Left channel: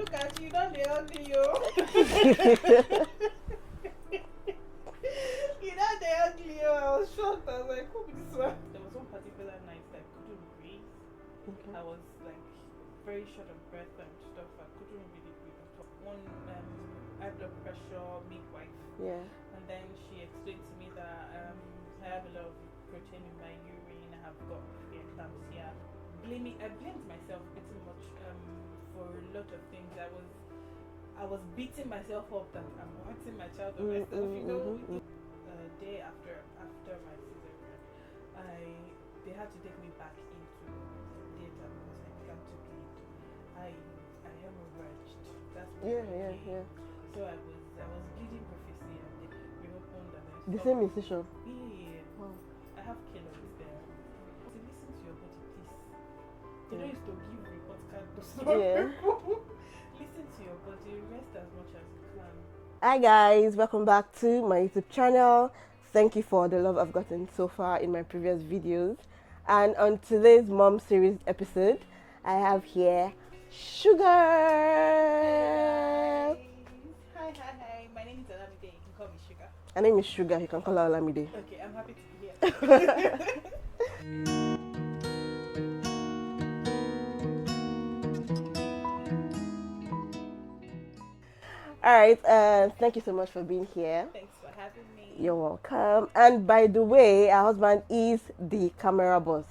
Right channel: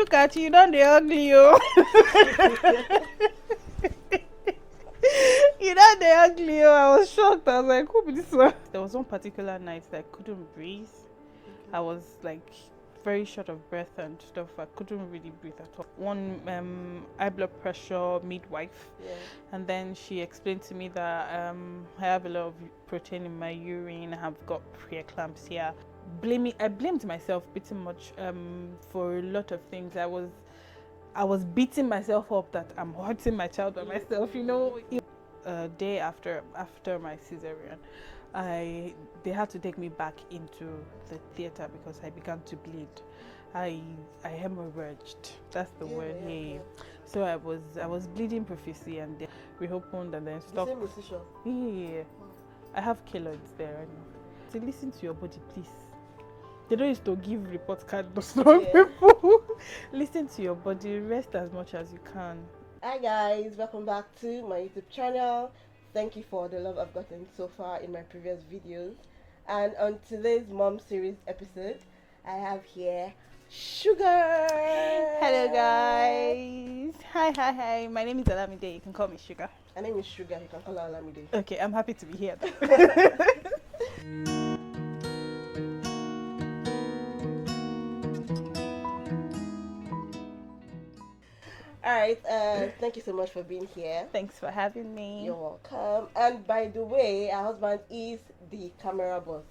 Look at you, don't they ugly you? You know they ugly. I was shocked. I was like, who be this one? There was one particular night that I couldn't breathe. I was like very short of breath and stuff. I couldn't really breathe at all. One high blood pressure midwife, and then she explained to me that I have a lot of protein in my urine. I have got preeclampsia. I blamed myself pretty much for a lot of things. I was beating myself up that I'm hurting my child by myself. You know, a day after my cesarean, they had to take me back into the theater because I began to bleed. I hemorrhaged. That's the word. Yeah. So I was bleeding profusely, and they reopened and then stopped. The same incision. Yeah. Wow. I have keloids there. So listen to your body, please. They don't used to give report card to some people. Listen to your body. Rest as much as you can. Hi guys, welcome back to my YouTube channel. Thank you for the love I've gotten so far in my previous videos. And on today's Mom Series episode, I have here Sugar. Hello guys. Hi. My name is Olamide. You can call me Sugar. My name is Sugar. You can call her Olamide. Okay, I'm happy to be here. Alright, thank you so much for being here. Thanks for having me. You're welcome. And by the way, our husband is the camera boss.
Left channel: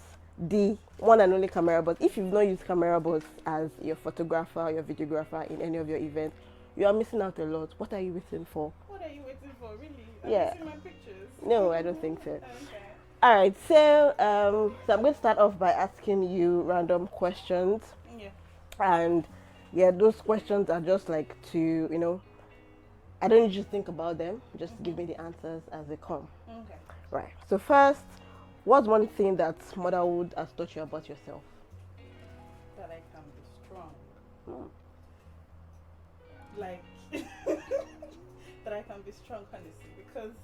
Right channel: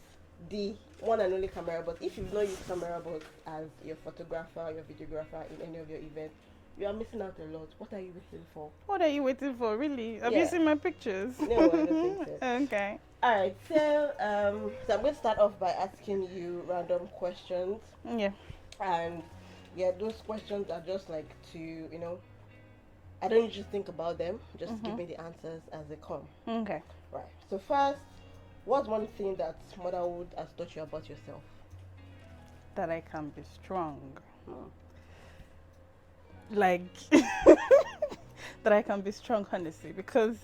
The one and only camera boss. If you've not used camera boss as your photographer, your videographer in any of your events, you are missing out a lot. What are you waiting for? What are you waiting for, really? Have you seen my pictures? No, I don't think so. Okay. Alright, so I'm going to start off by asking you random questions. Yeah. And yeah, those questions are just like to, you know, I don't usually think about them. Just give me the answers as they come. Okay. Right. So first, what's one thing that motherhood has taught you about yourself? That I can be strong. Like, that I can be strong, honestly, because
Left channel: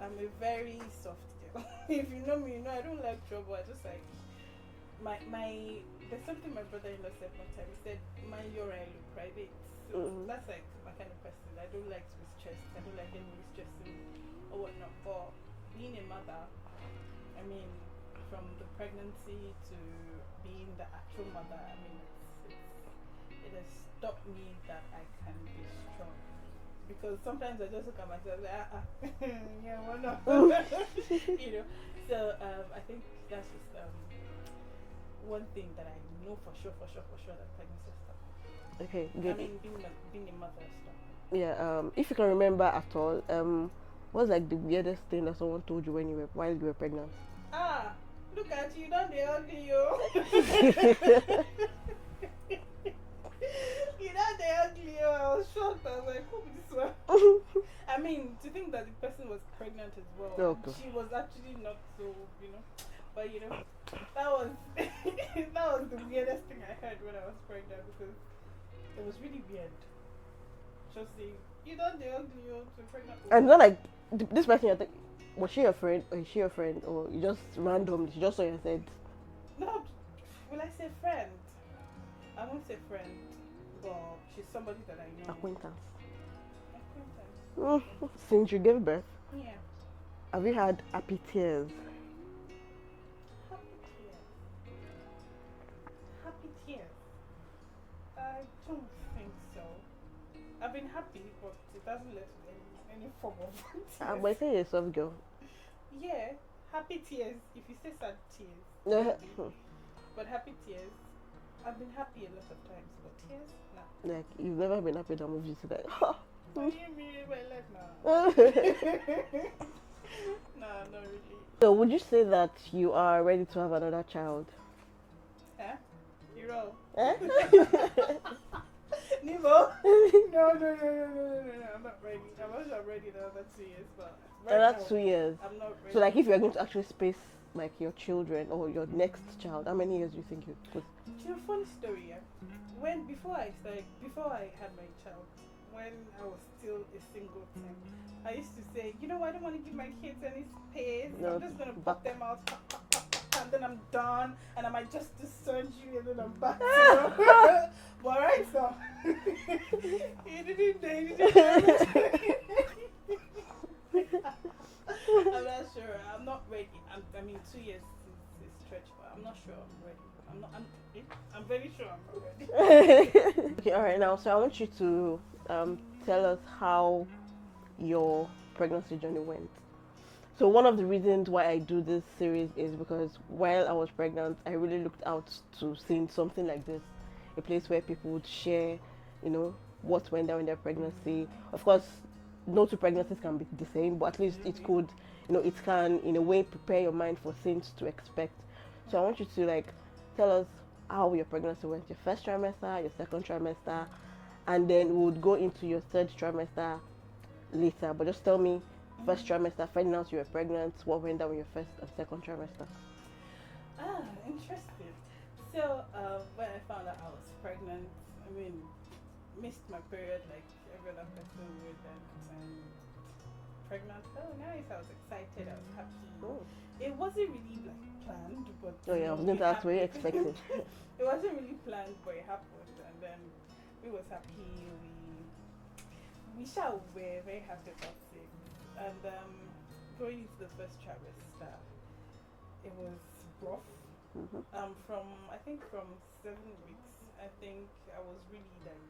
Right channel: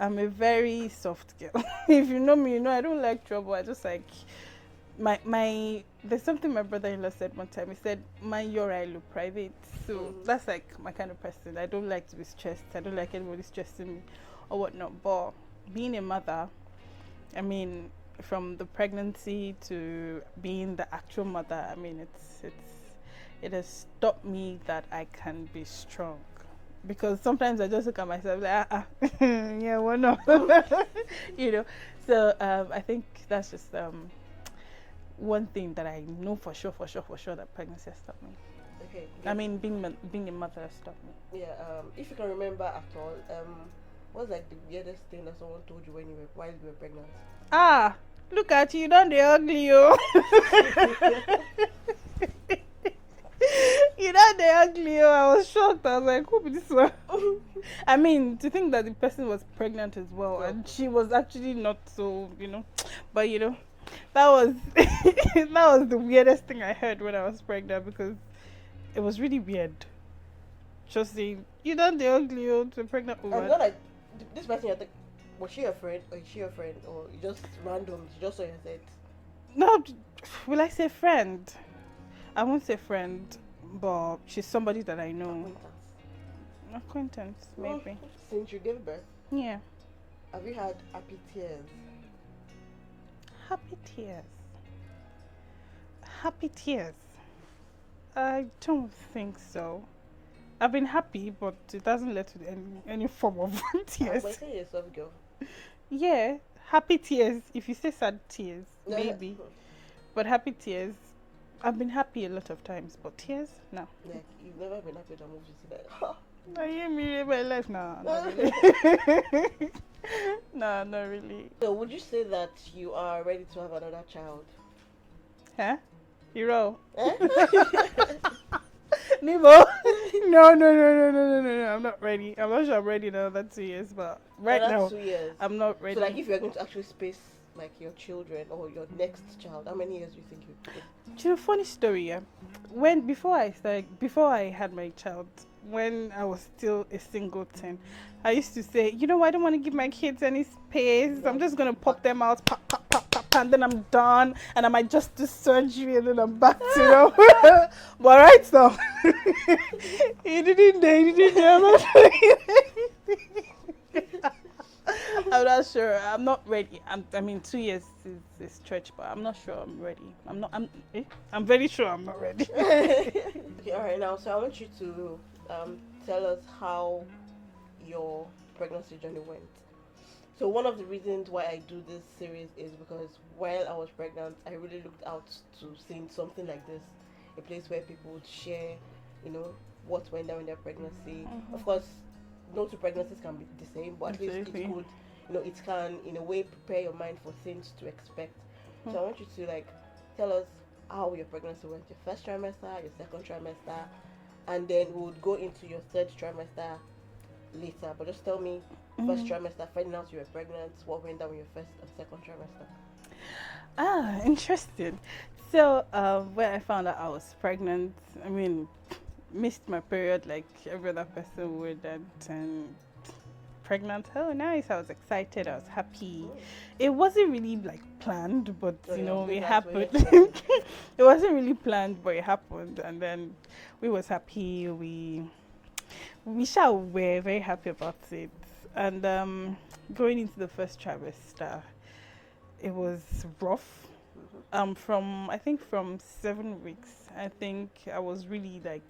I'm a very soft girl. If you know me, you know I don't like trouble. I just like there's something my brother-in-law said one time. He said, mind your eye, look private. So that's like my kind of person. I don't like to be stressed. I don't like anybody stressing me or whatnot. But being a mother, I mean, from the pregnancy to being the actual mother, I mean, it has taught me that I can be strong. Because sometimes I just look at myself like, yeah, why not? You know. So I think that's just one thing that I know for sure that pregnancy has taught me. Okay. I mean, being a mother has taught me. Yeah. If you can remember at all, what's like the weirdest thing that someone told you while you were pregnant? Ah, look at you, don't they ugly you? You know they ugly you. I was shocked. I was like, who be this one? I mean, to think that the person was pregnant as well, and she was actually not so, you know. But you know, that was that was the weirdest thing I heard when I was pregnant, because it was really weird. Just saying, you know they ugly you to a pregnant woman. And it's not like this person. Was she your friend, or is she your friend, or you just random? She just saw your said. No, will I say friend? I won't say friend, but she's somebody that I know. Acquaintance, maybe. Since you gave birth, yeah. Have you had happy tears? Happy tears. Happy tears. I don't think so. I've been happy, but it doesn't lead to any form of tears. I say you're a soft girl. Yeah, happy tears. If you say sad tears, maybe. But happy tears. I've been happy a lot of times, but tears, no. Yeah, you've never been happy that movie to that. I hear me in my life now. No, not really. So, would you say that you are ready to have another child? Huh? Hero? Nivo? No. I'm not ready. I'm not sure I'm ready in another 2 years, but right now, 2 years. I'm not ready. So, like, if you're going to actually space like your children or your next child, how many years do you think you would? You know, funny story, yeah. Before I had my child, when I was still a singleton, I used to say, you know, I don't want to give my kids any space. I'm just gonna pop them out, pop, and then I'm done, and I might just do surgery, and then I'm back to, you know. But right now, he didn't do anything. I'm not sure. I'm not ready. I mean, 2 years is stretch, but I'm not sure I'm ready. I'm very sure I'm not ready. Okay, all right. Now, so I want you to tell us how your pregnancy journey went. So one of the reasons why I do this series is because while I was pregnant, I really looked out to seeing something like this, a place where people would share, you know, what went down in their pregnancy. Of course, no two pregnancies can be the same, but at least it could, you know, it can in a way prepare your mind for things to expect. So I want you to like tell us how your pregnancy went, your first trimester, your second trimester, and then we would go into your third trimester later. But just tell me, first trimester, finding out you were pregnant, what went down with your first and second trimester. Interesting. So when I found out I was pregnant, I mean, missed my period like every other person would, and pregnant, oh nice, I was excited, I was happy. It wasn't really like planned, but you know, it happened. It wasn't really planned, but it happened, and then we was happy. We were very happy about it. And going into the first trimester, it was rough. From 7 weeks, I think I was really like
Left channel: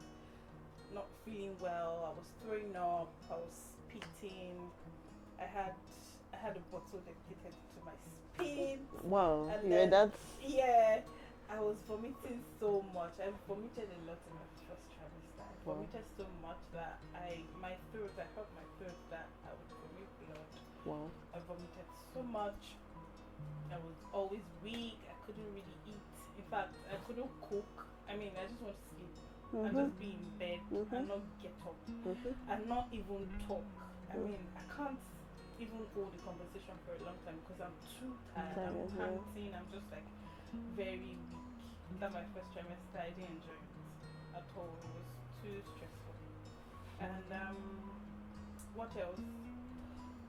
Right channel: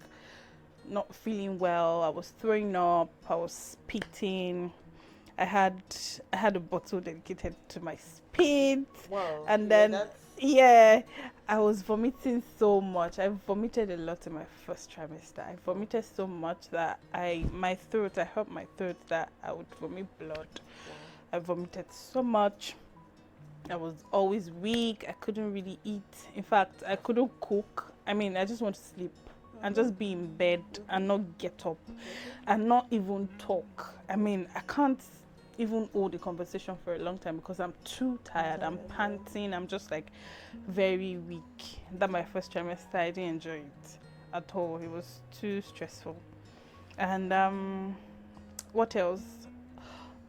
not feeling well. I was throwing up, I was spitting. I had a bottle dedicated to my spit. Wow. And then I was vomiting so much. I vomited a lot in my first trimester. I vomited so much that I hurt my throat that I would vomit blood. Wow. I vomited so much. I was always weak. I couldn't really eat. In fact, I couldn't cook. I mean, I just want to sleep and just be in bed and not get up and not even talk. I mean, I can't even hold a conversation for a long time because I'm too tired. I'm panting. I'm just like very weak. That my first trimester, I didn't enjoy it at all. It was too stressful. And what else?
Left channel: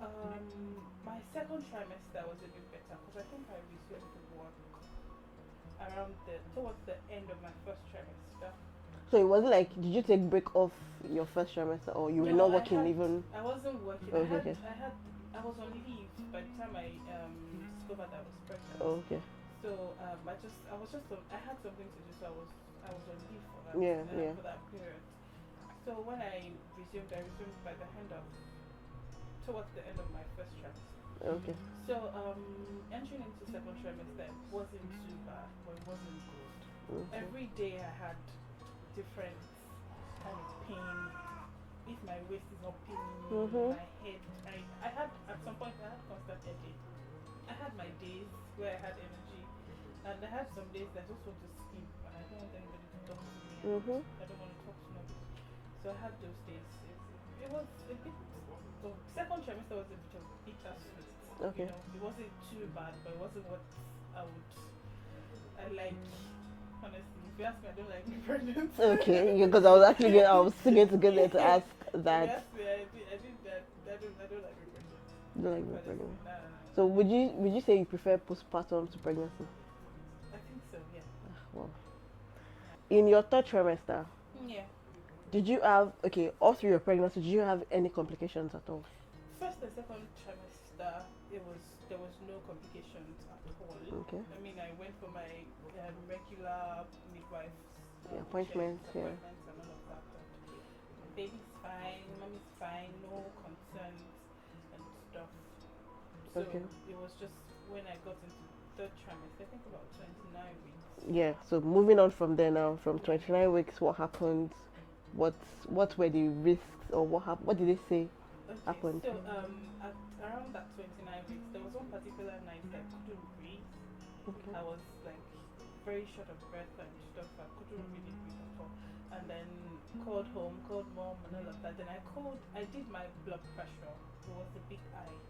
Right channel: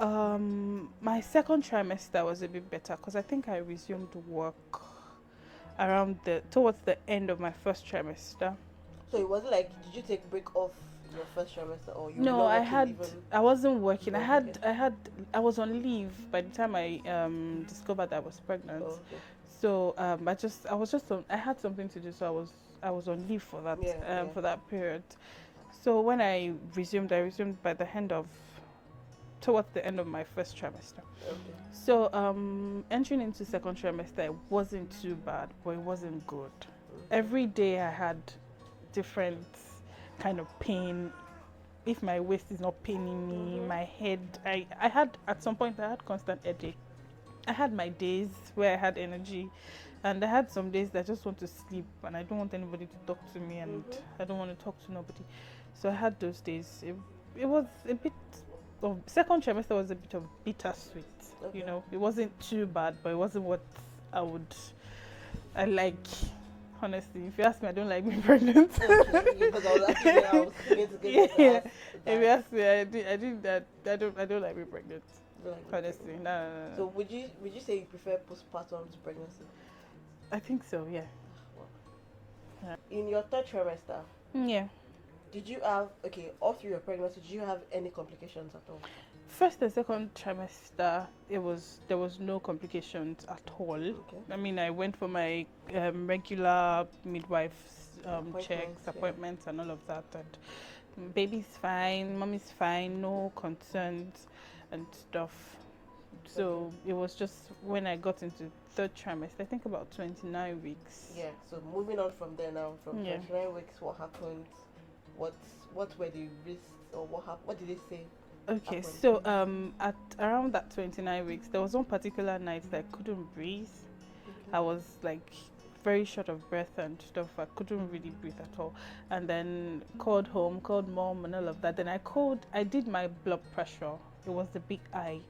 My second trimester was a bit better because I think I resumed work towards the end of my first trimester. So it wasn't like, did you take break off your first trimester, or you were No, not working even? I wasn't working. I was on leave by the time I discovered that I was pregnant. Oh, okay. So I had something to do, so I was on leave for that for that period. So when I resumed by the towards the end of my first trimester. Okay. So entering into second trimester, it wasn't too bad, but it wasn't good. Every day I had different kind of pain. If my waist is not paining me, my head, I had at some point I had constant headache. I had my days where I had energy, and I had some days that I just want to sleep and I don't want anybody to talk to me, and I don't want to talk to nobody. So I had those days. It was a bit of, second trimester was a bit of bittersweet. You know, it wasn't too bad, but it wasn't what I like. Honestly, if you ask me, I don't like being pregnant. Okay, because I was still going to get there to ask that. If you ask me, I did that. I don't like being pregnant. Honestly, no. So would you say you prefer postpartum to pregnancy? I think so. Yeah. Wow. Yeah. In your third trimester, yeah, did you have all through your pregnancy? Did you have any complications at all? First and second trimester, there was no complications at all. Okay. I mean, I went for my regular midwife's appointments, and all of that. And baby's fine, mommy's fine, no concerns and stuff. So it was just when I got into third trimester, I think about 29 weeks. Yeah. So moving on from there now, from 29 weeks, what happened? What were the risks, or what happened? What did they say? Okay, so at around that 29 weeks, there was one particular night that I couldn't breathe. I was like very short of breath and stuff. I couldn't really breathe at all. And then called home, called mom and all of that. Then I did my blood pressure. It was the big I.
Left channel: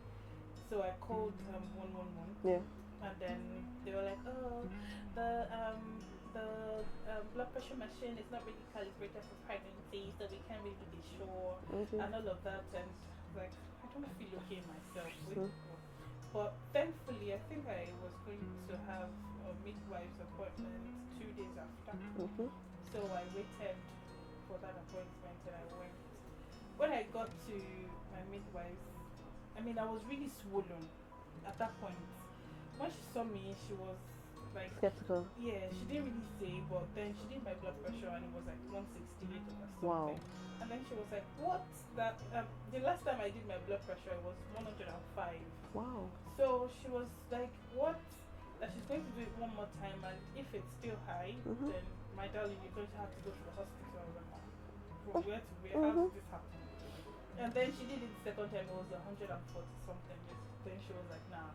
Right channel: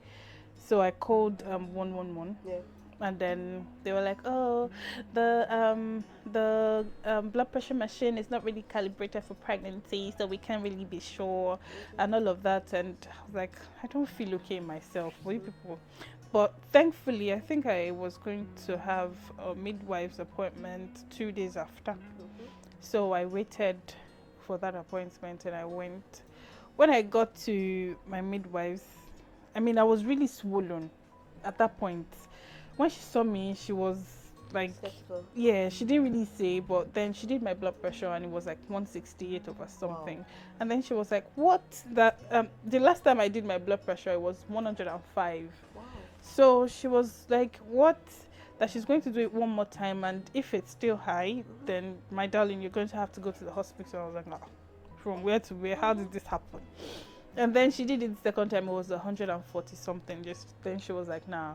So I called 111. Yeah. And then they were like, oh, the blood pressure machine is not really calibrated for pregnancy, so we can't really be sure, and all of that. And I was like, I don't feel okay myself. What you people? But thankfully, I think I was going to have a midwife's appointment 2 days after. So I waited for that appointment and I went. When I got to my midwife's, I mean, I was really swollen at that point. When she saw me, she was like, skeptical. yeah, she didn't really say, but then she did my blood pressure and it was like 168 over something. Wow. And then she was like, what? That the last time I did my blood pressure, it was 105. Wow. So she was like, what? That she's going to do it one more time, and if it's still high, then my darling, you're going to have to go to the hospital. I was like, no. From where to where? How did this happen? And then she did it the second time. It was 140 something. Just then she was like, nah.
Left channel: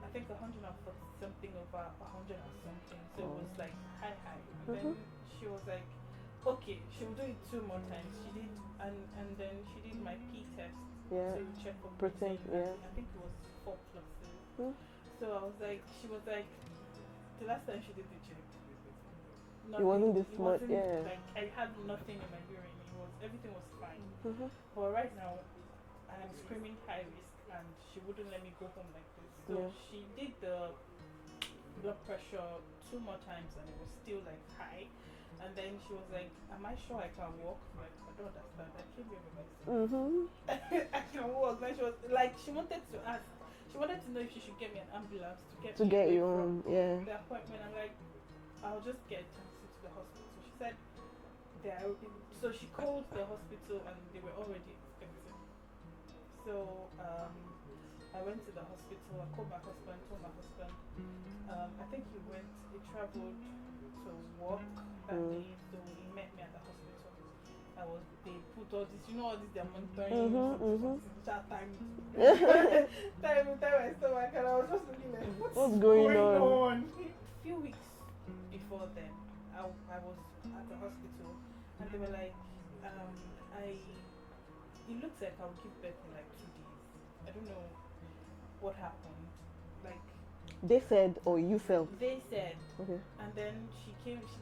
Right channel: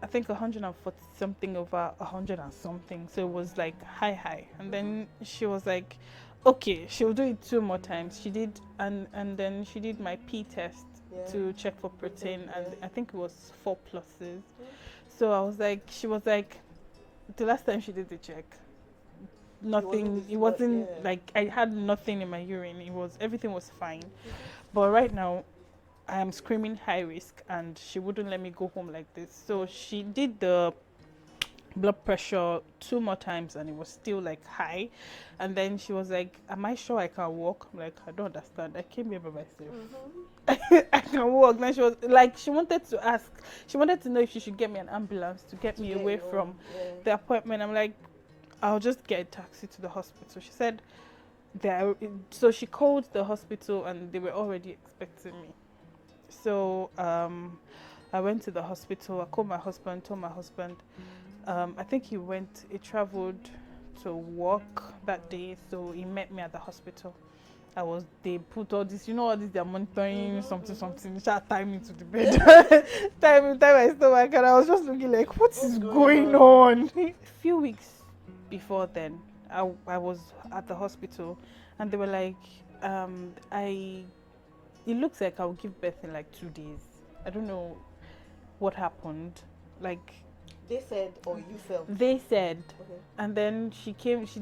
I think 140 something over 100 and something. So it was like high. And then she was like, okay, she'll do it 2 more times. She did, and then she did my P test to check for protein, and I think it was 4 pluses. So I was like, she was like, the last time she did the check, nothing. It wasn't like I had nothing in my urine. Everything was fine. But right now, I am screaming high risk, and she wouldn't let me go home like this. So she did the blood pressure 2 more times, and it was still like high. And then she was like, am I sure I can walk? I'm like, I don't understand. I came here by myself. I can walk. Then she was like, she wanted to know if she should get me an ambulance to get me away from the appointment. I'm like, I'll just get a taxi to the hospital. She said, so she called the hospital and they were already expecting me. So I went to the hospital. I called my husband, told my husband. I think he traveled to work that day, so he met me at the hospital. They put all this, all this, they're monitoring something, tie me to the bed, tie my stomach, and I was just looking like, what is going on? A few weeks before then, I was at the hospital, and they were like, it looks like I'll give birth in like 2 days. I don't know what happened. Like, they said, or you felt? They said. And then she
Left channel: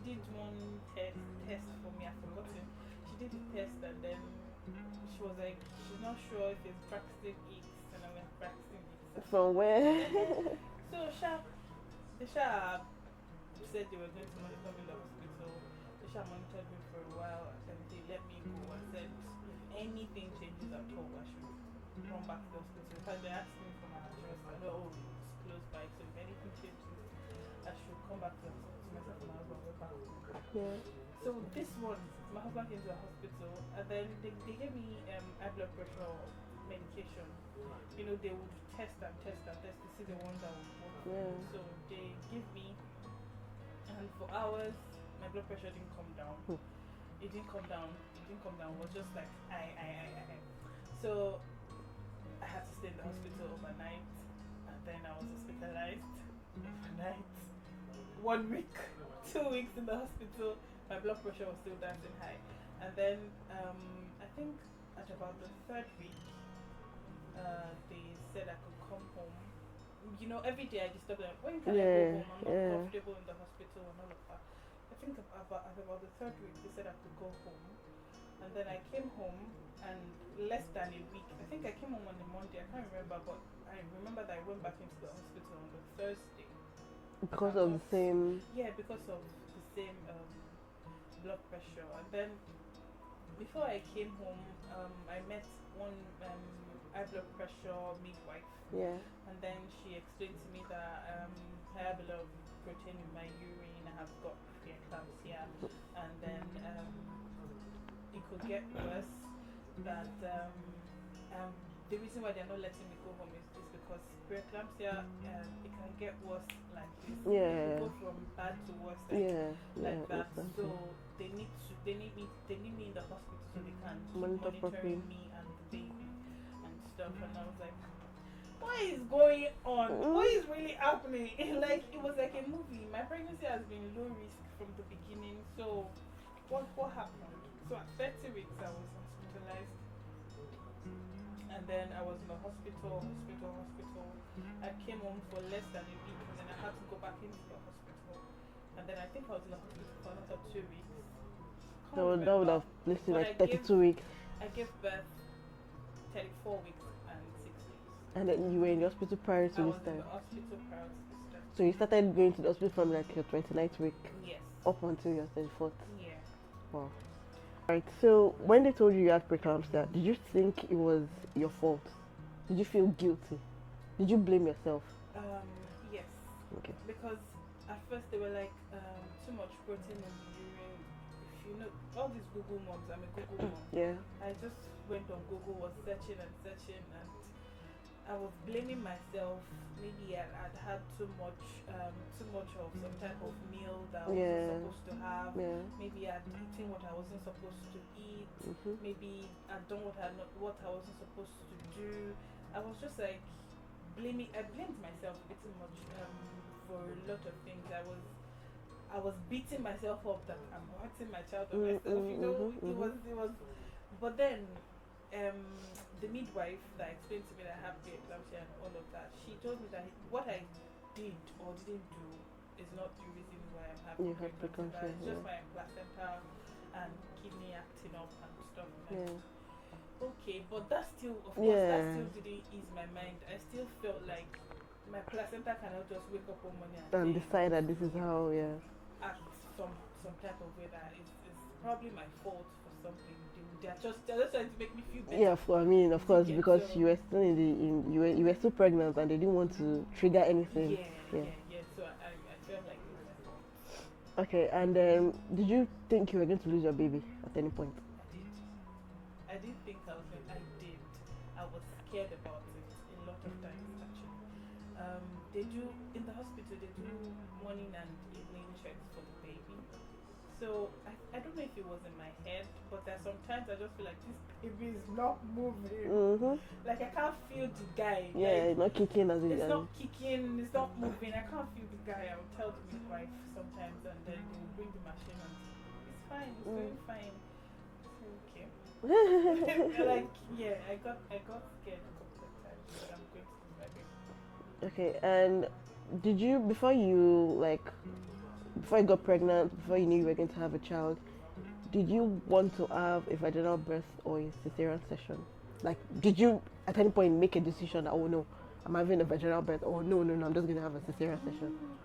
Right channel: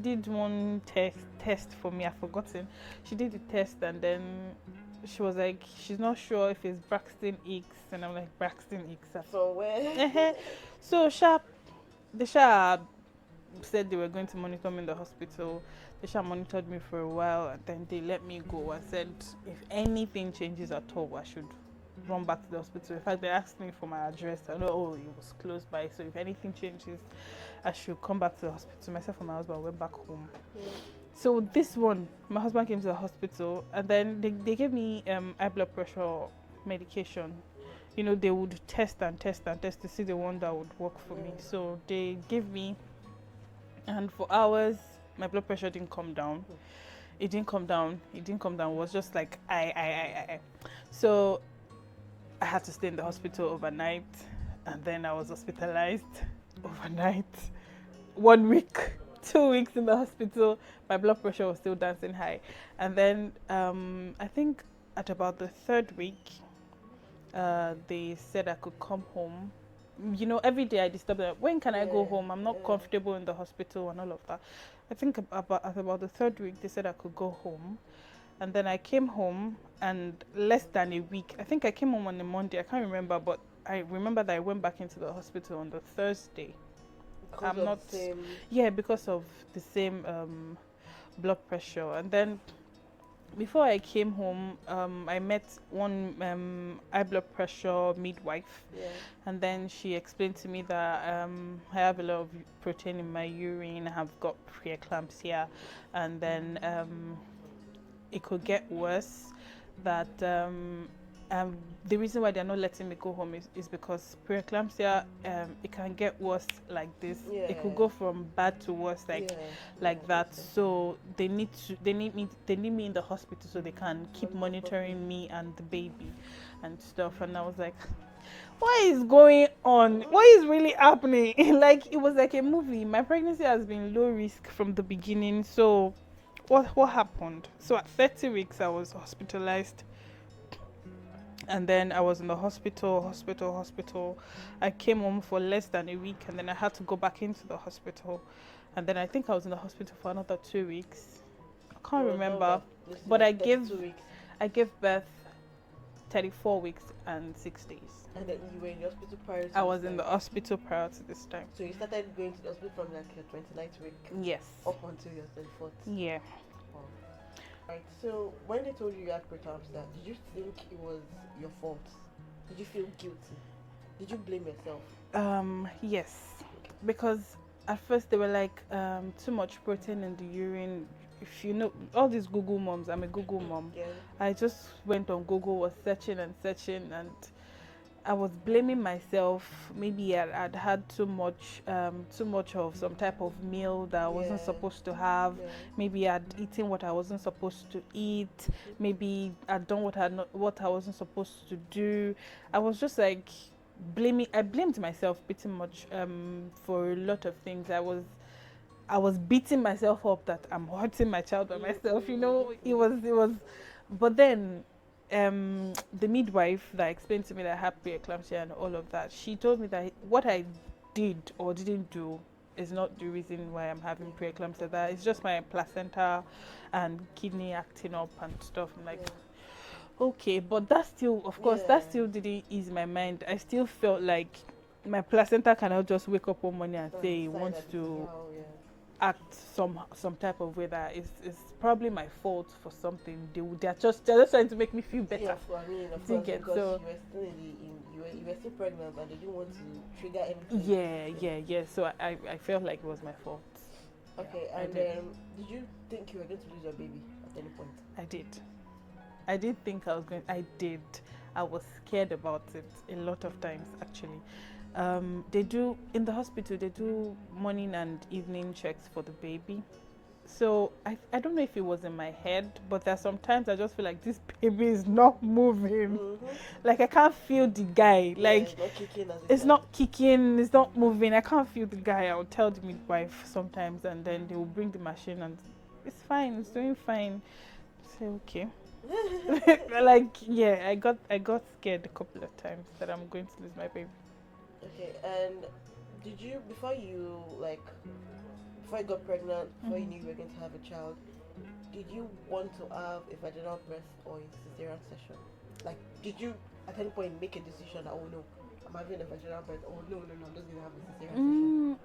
did one test for me. I've forgotten. She did the test, and then she was like, she's not sure if it's Braxton Hicks, and I'm like, Braxton Hicks. From where? So the said they were going to monitor me in the hospital. They monitored me for a while, and then they let me go. I said, if anything changes at all, I should run back to the hospital. In fact, they asked me for my address. I know, it was close by, so if anything changes, I should come back to the hospital. Myself and my husband went back home. So this one, my husband came to the hospital, and then they gave me high blood pressure medication. They would test to see the one that would work for me. So they gave me, and for hours my blood pressure didn't come down. It didn't come down. It was just like I. So I had to stay in the hospital overnight, and then I was hospitalized overnight. 1 week, 2 weeks in the hospital. My blood pressure was still dancing high, and then I think at about the 3rd week, they said I could come home. Every day I disturbed them. When can I go home? I'm not comfortable in the hospital and all of that. I think at about the 3rd week, they said I could go home. And then I came home, and less than a week, I think I came home on a Monday, I can't remember, but I remember that I went back into the hospital on the Thursday. Because of the same... Yeah, because of the same blood pressure. And then before I came home, I met one high blood pressure midwife. And then she explained to me that I have a lot of protein in my urine, I have got preeclampsia, and then it could get worse. That the reason why they're not letting me go home is because preeclampsia, it can get worse like this. It could go from bad to worse, like that. So they need me in the hospital so they can keep monitoring me and the baby and stuff. And I was like, what is going on? What is really happening? Like, it was like a movie. My pregnancy has been low risk from the beginning. So what happened? So at 30 weeks I was hospitalized. And then I was in the hospital. I came home for less than a week, and then I had to go back into the hospital. And then I think I was in the hospital for another 2 weeks. I can't remember. But I gave 2 weeks. I gave birth 34 weeks and 6 days. And then you were in the hospital prior to I was in the hospital prior to this time. So you started going to the hospital from like your 29th week? Yes. Up until your 34th? Yeah. Wow. Right, so when they told you had preeclampsia, did you think it was your fault? Did you feel guilty? Did you blame yourself? Yes. Okay. Because at first they were like, too much protein in the urine. If you know, all these Google moms, I'm a Google mom. Yeah. I just went on Google, was searching, and I was blaming myself. Maybe I'd had too much of some type of meal that I wasn't supposed to have. Yeah. Maybe I'd eaten what I wasn't supposed to eat. Maybe I'd done what I wasn't supposed to do. I was just like I blamed myself pretty much for a lot of things. I was beating myself up that I'm hurting my child by myself. You know, it was. But then the midwife that explained to me that I had preeclampsia and all of that, she told me that what I did or didn't do is not the reason why I'm having preeclampsia. That it's just my placenta and kidney acting up and stuff. I'm like, okay, but that still, of course, that still didn't ease my mind. I still felt like my placenta cannot just wake up one morning and say it wants to act some type of way that is probably my fault for something. They're just trying to make me feel better. Yeah, of course, because you were still you were still pregnant and they didn't want to trigger anything. Yeah. So I felt like it was my fault. Okay, and did you think you were going to lose your baby at any point? I did think I was going. I did. I was scared about it a lot of times actually. They do in the hospital. They do morning and evening checks for the baby. So I don't know if it was in my head, but there are sometimes I just feel like this baby is not moving. Like I can't feel the guy. Like it's not kicking. It's not kicking. It's not moving. I can't feel the guy. I will tell the midwife sometimes, and then they will bring the machine, and it's fine. It's doing fine. Say okay. Like I got scared a couple of times that I'm going to lose my baby. Okay, and did you before you got pregnant, before you knew you were going to have a child, did you want to have a vaginal birth or a cesarean session? Like, did you at any point make a decision that, oh no, I'm having a vaginal birth, or no, I'm just going to have a cesarean session?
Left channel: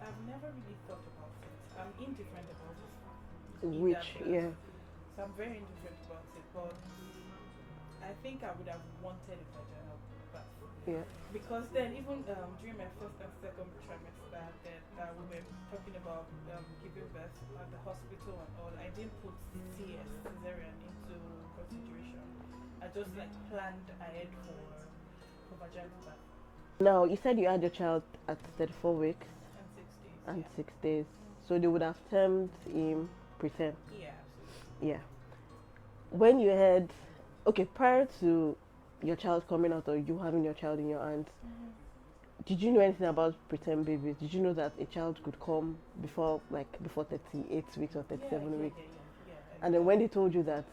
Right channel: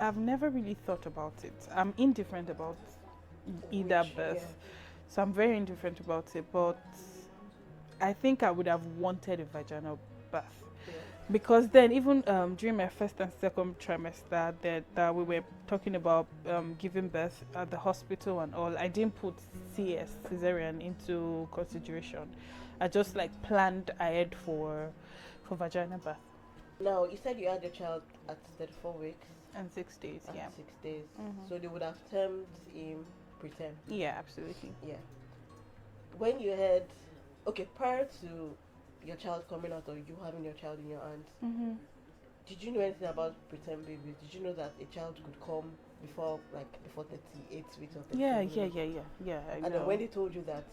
I've never really thought about it. I'm indifferent about either birth. Yeah. So I'm very indifferent about it, but I think I would have wanted a vaginal birth. Yeah. Because then even during my first and second trimester that we were talking about giving birth at the hospital and all, I didn't put CS, cesarean, into consideration. I just like planned ahead for vaginal birth. Now, you said you had your child at 34 weeks. And 6 days. And 6 days. So they would have termed him preterm. Yeah, absolutely. Yeah. When you had, prior to your child coming out or you having your child in your hands, did you know anything about preterm babies? Did you know that a child could come before 38 weeks or 37 weeks? Yeah. And then when they told you that,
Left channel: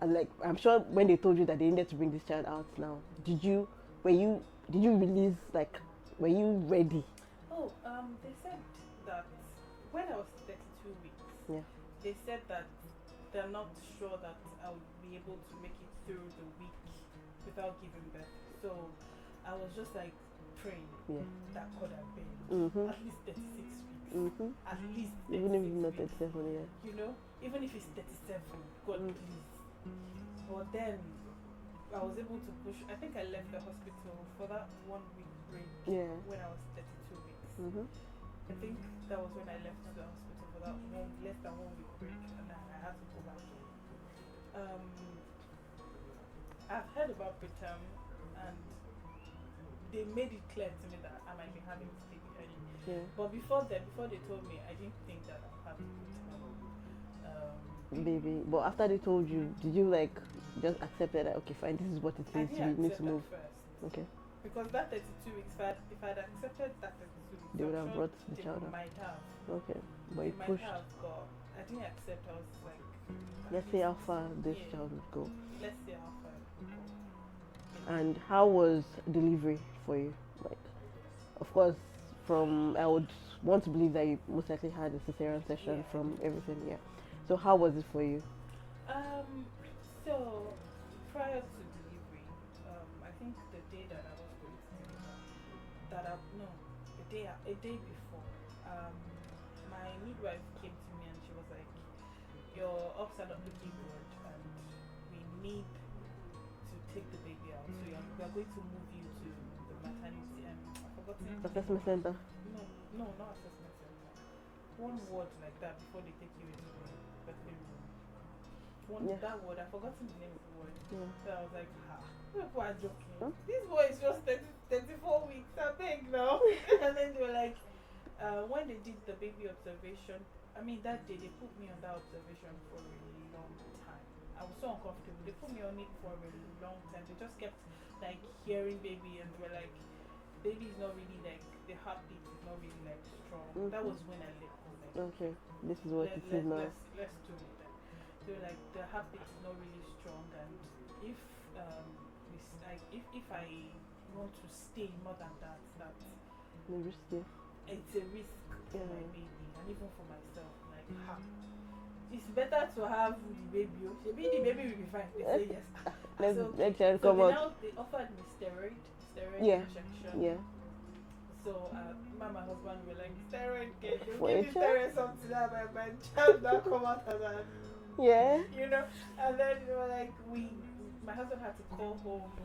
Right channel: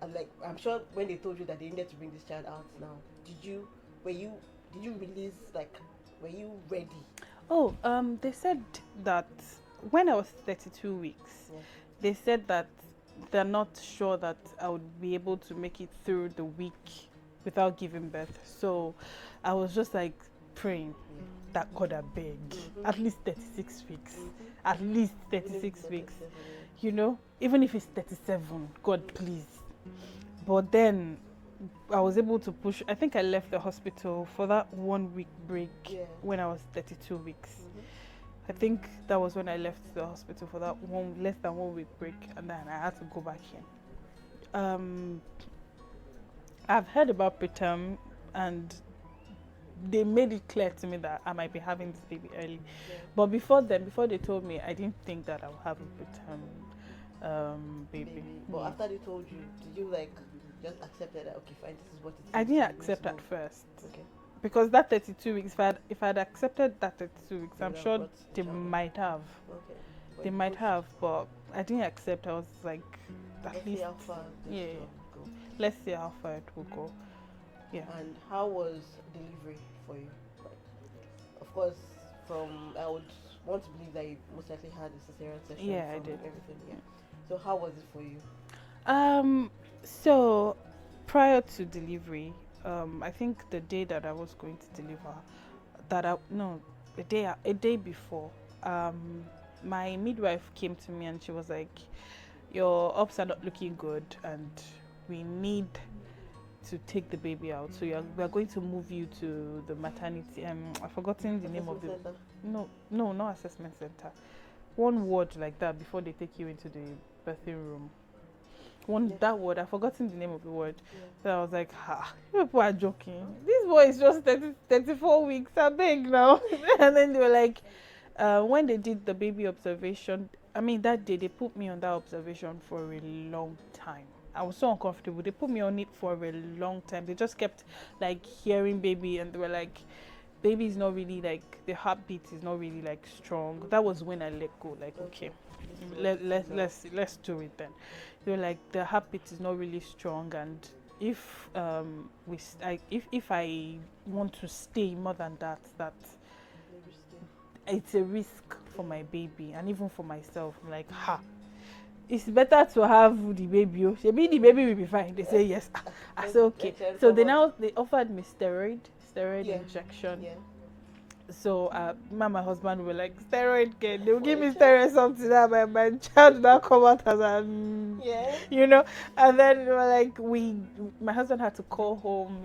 I'm sure when they told you that they needed to bring this child out now, did you release, were you ready? Oh, they said that when I was 32 weeks, they said that they're not sure that I would be able to make it through the week without giving birth. So I was just like praying that God, I beg, at least 36 weeks. At least 36 weeks. You know, even if it's 37, God, please. But then I was able to push. I think I left the hospital for that 1 week break when I was 32 weeks. I think that was when I left the hospital for that less than 1 week break, and then I had to go back in. I've heard about preterm, and they made it clear to me that I might be having this baby early. But before they told me, I didn't think that I would have a preterm baby. But after they told you, did you just accept that? Okay, fine, this is what it is. I didn't accept at first. Okay. Because that 32 weeks, if I'd accepted that 32 weeks, I'm sure they might have. Okay. They might have, but I didn't accept. I was like, at Let's see least, how far this yeah, job will go. let's see how far it will go. Yeah. And how was delivery for you? Like, of course, I would want to believe that you most likely had a cesarean section Yeah, I from did. everything. Yeah. So how was it for you? So prior to delivery, I think the day that I was going to deliver, no, a day before, my midwife came to me and she was like, "Your ups are not looking good, and we need to take the baby out. So we are going to move you to the maternity. I've forgotten the name of Assessment it. center. No, not assessment center. One word like that before they take you into the birthing room. That word, I've forgotten the name of the word. Yeah. So I was like, you people are joking. Huh? This boy is just 34 weeks, I beg now. And then they were like, when they did the baby observation, that day they put me on that observation for a long time. I was so uncomfortable. They put me on it for a long time. They just kept like hearing baby, and they were like, baby is not really like, the heartbeat is not really like strong. That was when I let go. Like, okay, let's do it then. They were like, the heartbeat is not really strong, and if if I want to stay more than that, it's a risk for my baby and even for myself. Like, it's better to have the baby. Maybe the baby will be fine. They say yes. I said okay. So they offered me steroid injection. Yeah. So my husband were like, steroid again. They'll give me steroid something that my child will not come out as an And then they were like, my husband had to call home.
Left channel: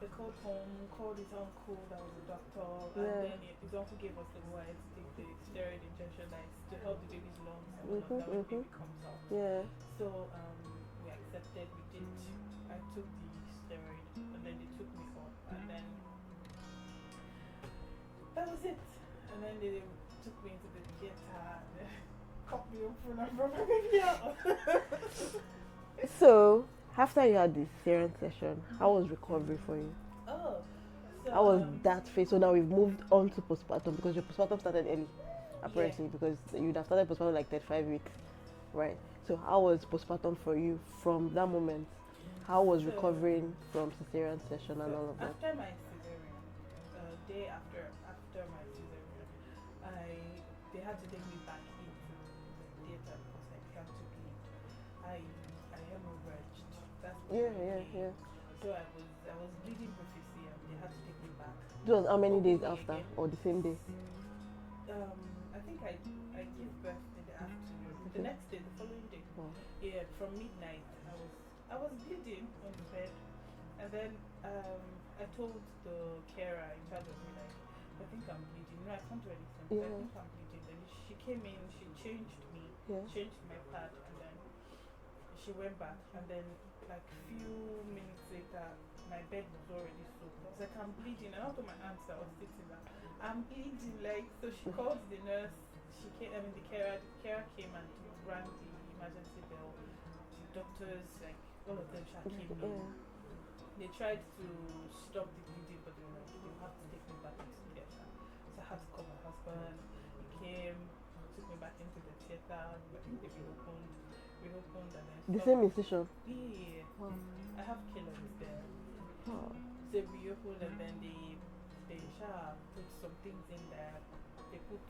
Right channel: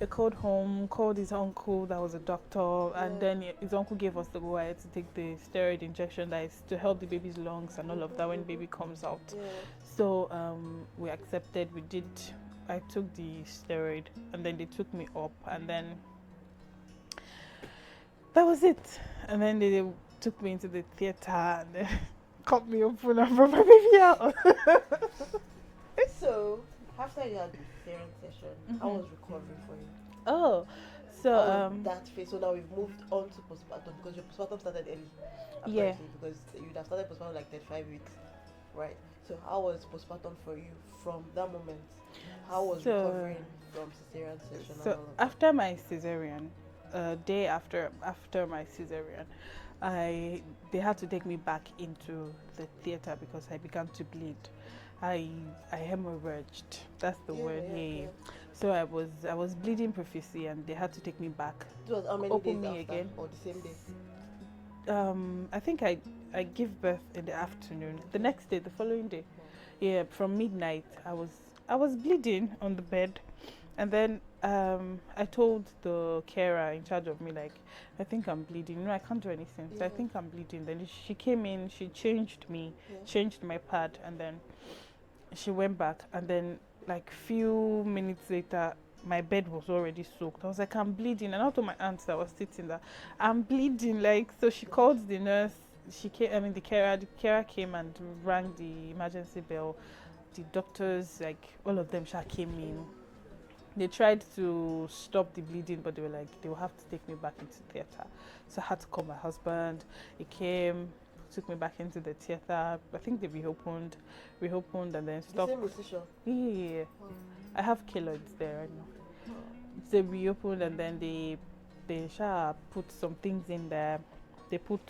He called home, called his uncle that was a doctor, and then his uncle gave us the go ahead to take the steroid injection that is to help the baby's lungs and all of that when baby comes out. Yeah. So we accepted. I took the steroid, and then they took me up, and then that was it. And then they took me into the theater and they cut me open and brought my baby out. So after you had the cesarean session, how was recovery for you? Oh, so how was that phase? So now we've moved on to postpartum, because your postpartum started early, apparently, because you'd have started postpartum like 35 weeks, right? So how was postpartum for you from that moment? How was recovering from cesarean session and all of that? After my cesarean, day after my cesarean, they had to take me back into the theater because I began to bleed. I hemorrhaged. That's the word. Yeah. So I was bleeding profusely, and they had to take me back. It was how many days after, again? Or the same day? I think I give birth in the afternoon. The next day, the following day. Wow. Yeah, from midnight, I was bleeding on the bed, and then I told the carer in charge of me, like, I think I'm bleeding. No, I can't do anything. So I think I'm bleeding. Then she came in, she changed me, changed my pad, and then she went back, and then like few minutes later my bed was already soaked. I was like, I'm bleeding, and I told my aunt that was sitting there, I'm bleeding. Like, so she called the nurse. She came. The carer came and rang the emergency bell. The doctors, like all of them, came in. They tried to stop the bleeding, but they were like, they will have to take me back into theater. So I had to call my husband. He came, took me back into the theater. I think they reopened, and then stopped. The same incision? Yeah. I have keloids there right now. They reopened, and then they put some things in there. They put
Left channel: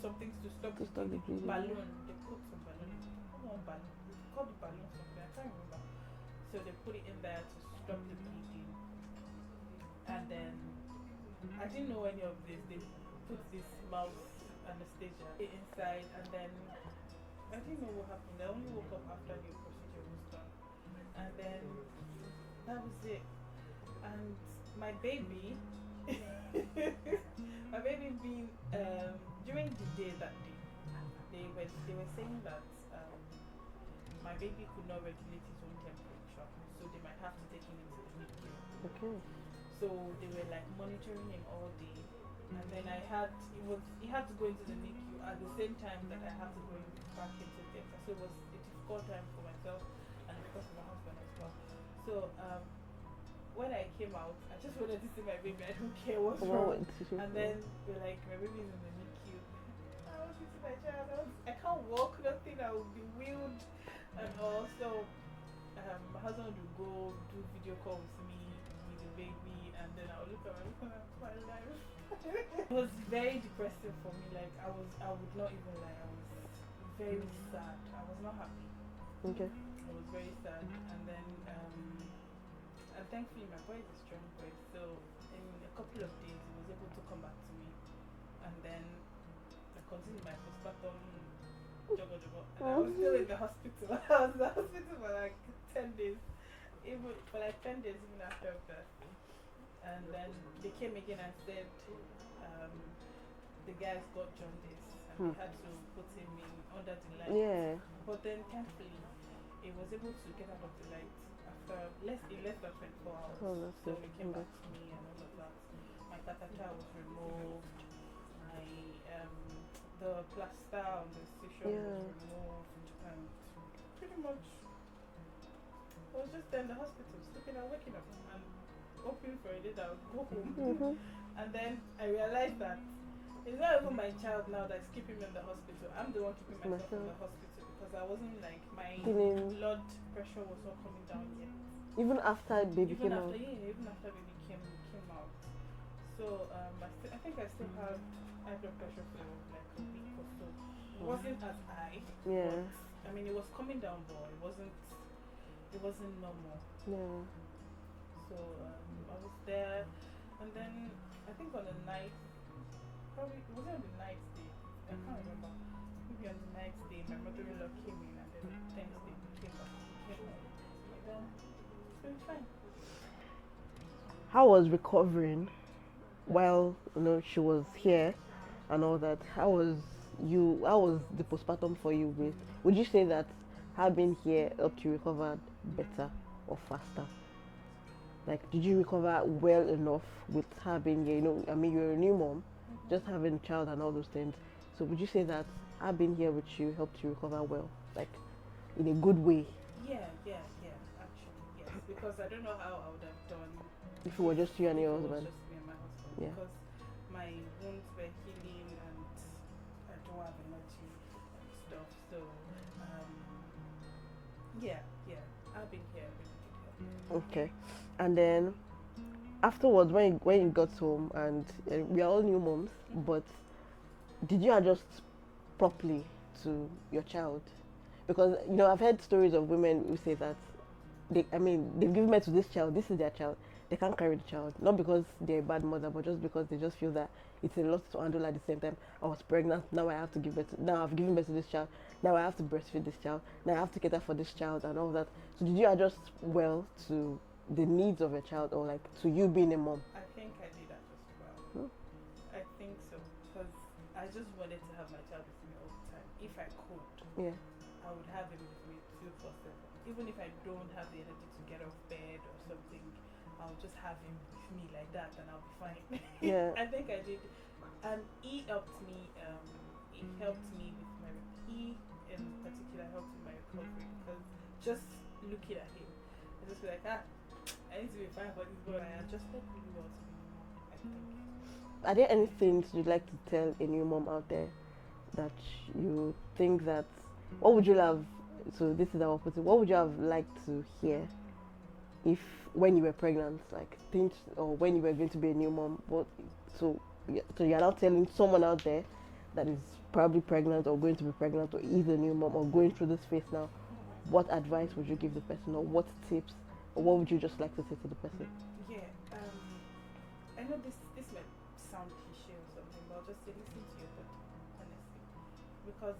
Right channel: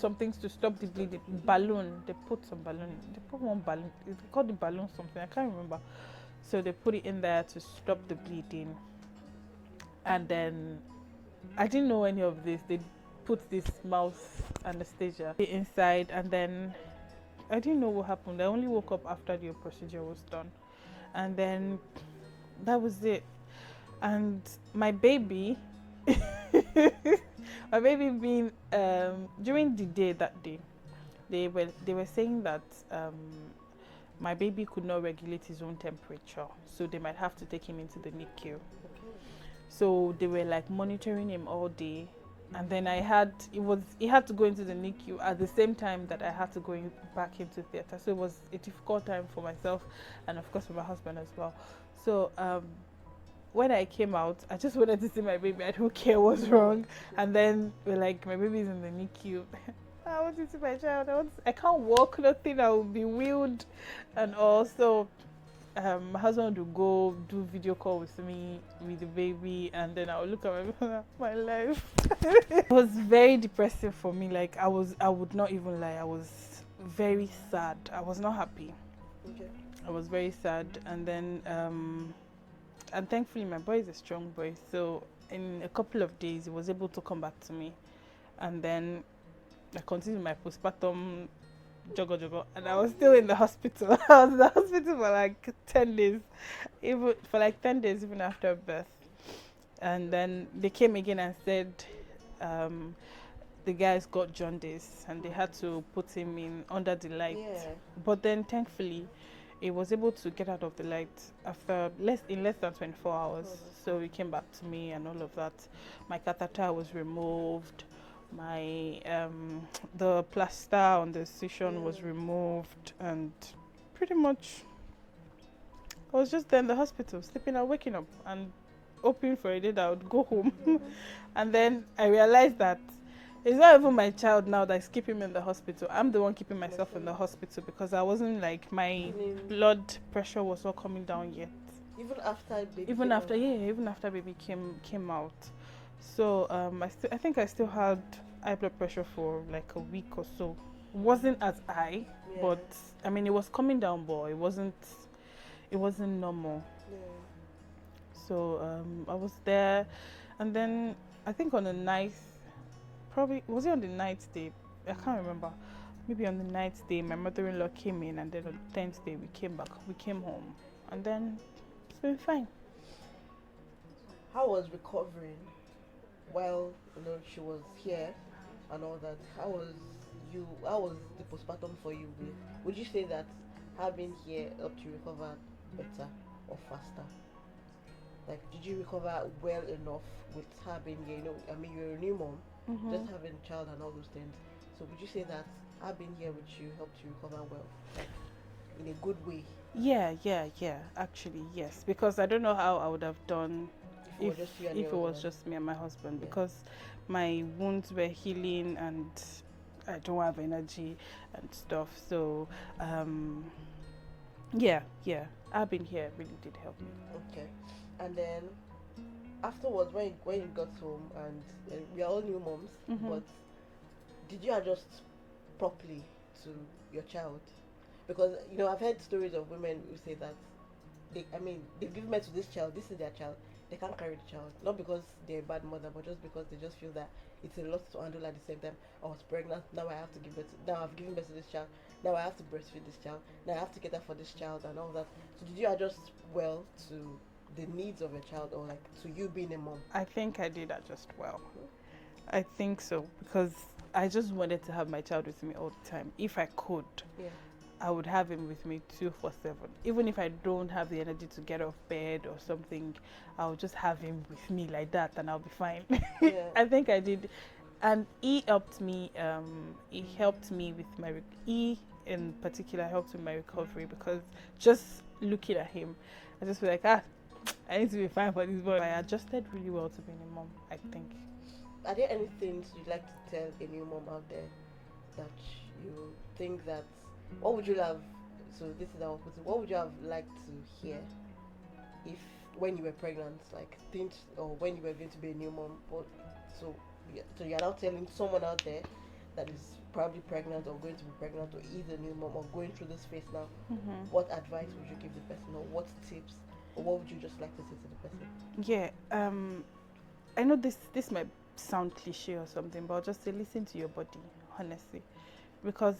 some things to stop the bleeding. Balloon. They put some balloon. They put one balloon. It's called the balloon something. I can't remember. So they put it in there to stop the bleeding. And then I didn't know any of this. They put this mouth anesthesia inside, and then I didn't know what happened. I only woke up after the procedure was done, and then that was it. And my baby, being during the day that day, they were saying that my baby could not regulate his own temperature, so they might have to take him into the NICU. Okay. So they were like monitoring him all day, and then he had to go into the NICU at the same time that I had to go back into theater. So it was a difficult time for myself, and of course for my husband as well. So when I came out, I just wanted to see my baby. I don't care what's wrong. And then we're like, my baby's in the NICU. I want to see my child. I can't walk, nothing. I will be wheeled, and also, my husband would go do video call with me with the baby, and then I would look at my life. It was very depressing for me. Like I would not even lie. I was very sad. I was not happy. Okay. I was very sad, and then and thankfully my boy is a strong boy, so in a couple of days he was able to come back to me, and then I continued my postpartum jogo, and I was still in the hospital. I was in the hospital for like 10 days, even for like 10 days even after birth, and then they came again and said the guy's got jaundice and they had to put him in under the light. Yeah. But then thankfully he was able to get out of the light after less than 24 hours. So he came back to me and all of that. My catheter was removed. My the plaster on the incision was removed, and pretty much I was just there in the hospital, sleeping and waking up and hoping for a day that I would go home. And then I realized that it's not even my child now that's keeping me in the hospital. I'm the one keeping myself in the hospital because I wasn't like, my blood pressure was not coming down yet. Even after baby even after baby came out. So I think I still had high blood pressure for like a week or so. It wasn't as high, but I mean it was coming down, but it wasn't normal. So I was there, and then I think on the ninth, probably was it on the ninth day? I can't remember. Maybe on the ninth day, my mother-in-law came in, and then on the 10th day we came home, and then it's been fine. How was recovering while she was here and all that? How was the postpartum for you? Would you say that having here helped you recover better or faster? Like, did you recover well enough with having, I mean, you're a new mom, just having a child and all those things. So would you say that having here with you helped you recover well, like in a good way? Yeah, actually, yes. Because I don't know how I would have done if it was just you and if your it husband. was just me and my husband, because my wounds were healing and I don't have energy and stuff. So yeah, having here really did help. Okay. And then afterwards, when you got home, and we are all new moms, but did you adjust properly to your child? Because I've heard stories of women who say that they've given birth to this child, this is their child, they can't carry the child, not because they're a bad mother, but just because they just feel that it's a lot to handle at the same time. I was pregnant, now I have to give birth now I've given birth to this child, now I have to breastfeed this child, now I have to cater for this child and all that. So did you adjust well to the needs of your child, or like to you being a mom? I think I did adjust well. I think so, because I just wanted to have my child with me all the time. If I could, I would have him with me 24/7. Even if I don't have the energy to get off bed or something, I'll just have him with me like that, and I'll be fine. I think I did, and he helped me. He helped me with he in particular helped with my recovery, because just looking at him, I just feel like I need to be fine for this boy. I adjusted really well to being a mom, I think. Are there any things you'd like to tell a new mom out there that you think that, what would you have, so this is our opposite, what would you have liked to hear when you were pregnant, like things, or when you were going to be a new mom? So you're now telling someone out there that is probably pregnant or going to be pregnant or is a new mom or going through this phase now, what advice would you give the person, or what tips, or what would you just like to say to the person? Yeah, I know this might sound cliche or something, but I'll just say listen to your body, honestly, because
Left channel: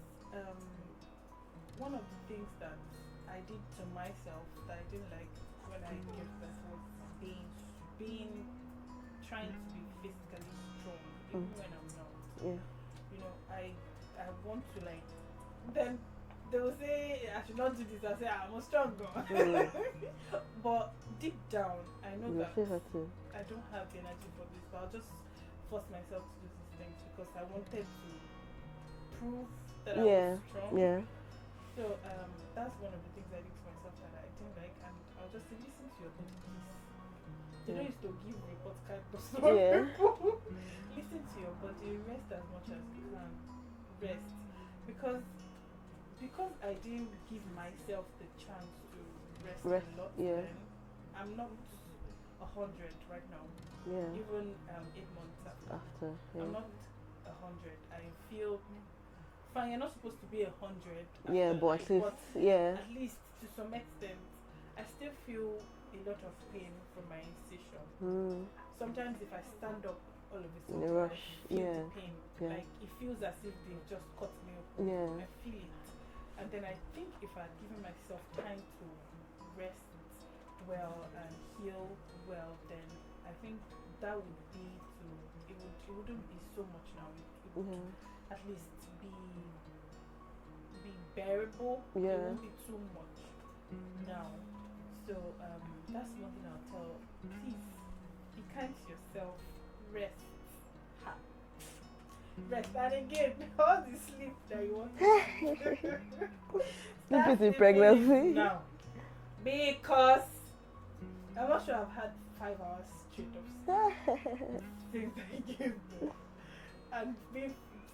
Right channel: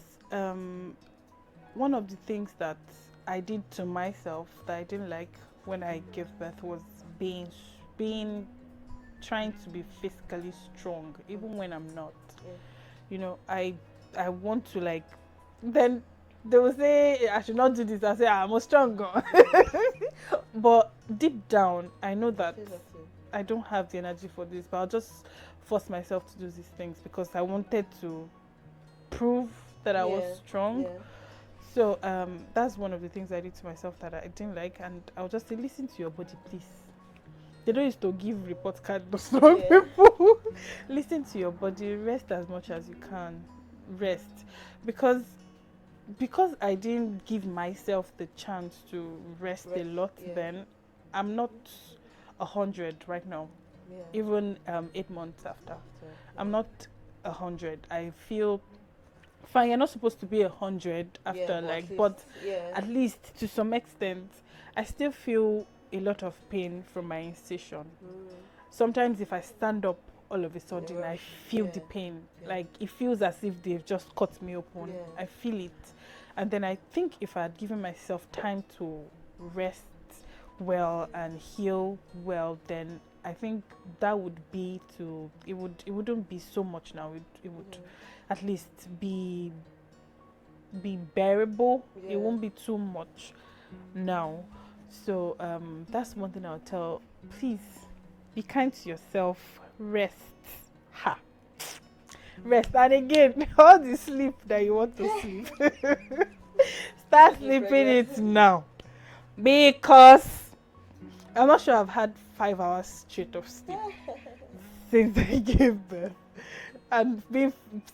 one of the things that I did to myself that I didn't like when I gave birth was trying to be physically strong, even when I'm not. I want to, like, then they will say I should not do this. I say I'm a strong girl. But deep down I know that I don't have the energy for this, but I'll just force myself to do these things because I wanted to prove that I was strong. So that's one of the things I did to myself that I didn't like, and I'll just say listen to your body, please. They don't used to give report card to strong people. Listen to your body, rest as much as you can. rest, because I didn't give myself the chance to rest a lot. Yeah. Then I'm not 100 right now. Yeah. Even 8 months after, Yeah. I'm not 100. I feel fine. You're not supposed to be 100 after, Yeah, but yeah. at least to some extent, I still feel a lot of pain from my incision. Sometimes if I stand up, all of a sudden I feel the pain. Like it feels as if they've just cut me open. Yeah. I feel it. And then I think if I had given myself time to rest well and heal well, then I think that would be it wouldn't be so much now. It would at least be bearable. Yeah. It won't be too much now. So that's one thing I'll tell. Please be kind to yourself. Rest. Ha. Rest. And again, all the sleep that you want to sleep, start sleeping it now. Because I'm not sure I've had 5 hours straight of sleep since I gave birth. And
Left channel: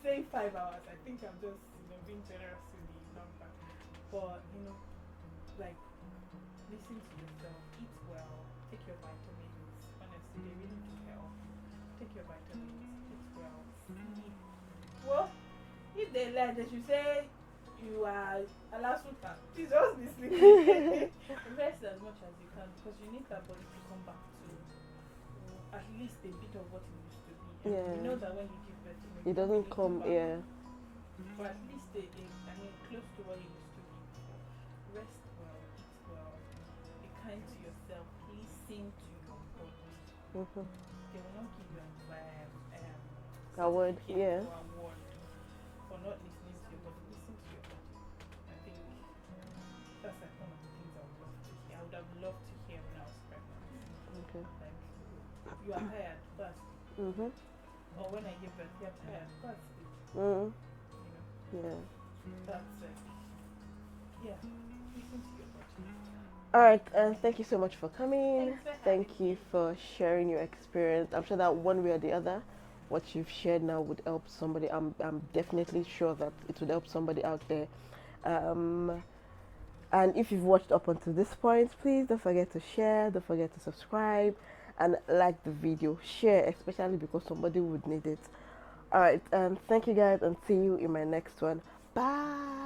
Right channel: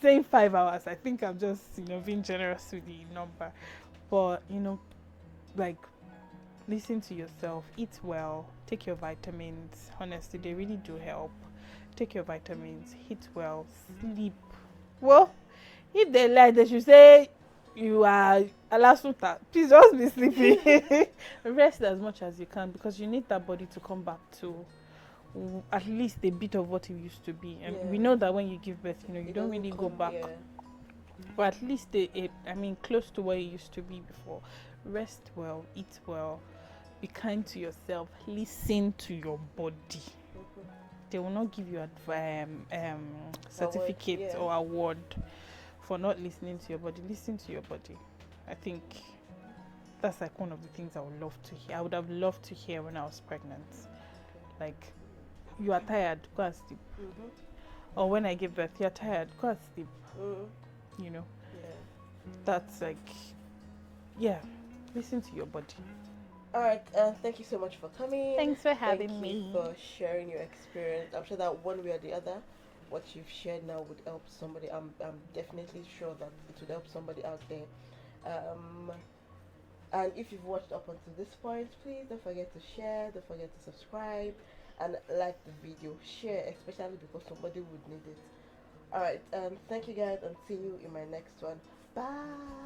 saying 5 hours, I think I'm just, being generous with the number. But, like, listen to yourself, eat well, take your vitamins. Honestly, they really do help. Take your vitamins, eat well, sleep. Well, if they lie, they should say you are alasuta. Please just be sleeping. Rest as much as you can, because you need that body to come back to at least a bit of what it used to be. And we know that when you give birth, you don't really go back. Yeah. But at least close to what it used to be before. Rest well, eat well, be kind to yourself, listen to your body. They will not give you a certificate or award for not listening to your body. Listen to your body. I think that's like one of the things I would love to hear. I would have loved to hear when I was pregnant. Like, you are tired, go and sleep. Or when I give birth, you're tired, go and sleep. That's like, listen to your body. All right, thank you so much for coming. Thanks for having me. Thank you for sharing your experience. I'm sure that one way or the other, what you've shared now would help somebody. I'm definitely sure that it would help somebody out there. And if you've watched up until this point, please don't forget to share, don't forget to subscribe, and like the video. Share, especially because somebody would need it. All right, thank you guys, and see you in my next one. Bye.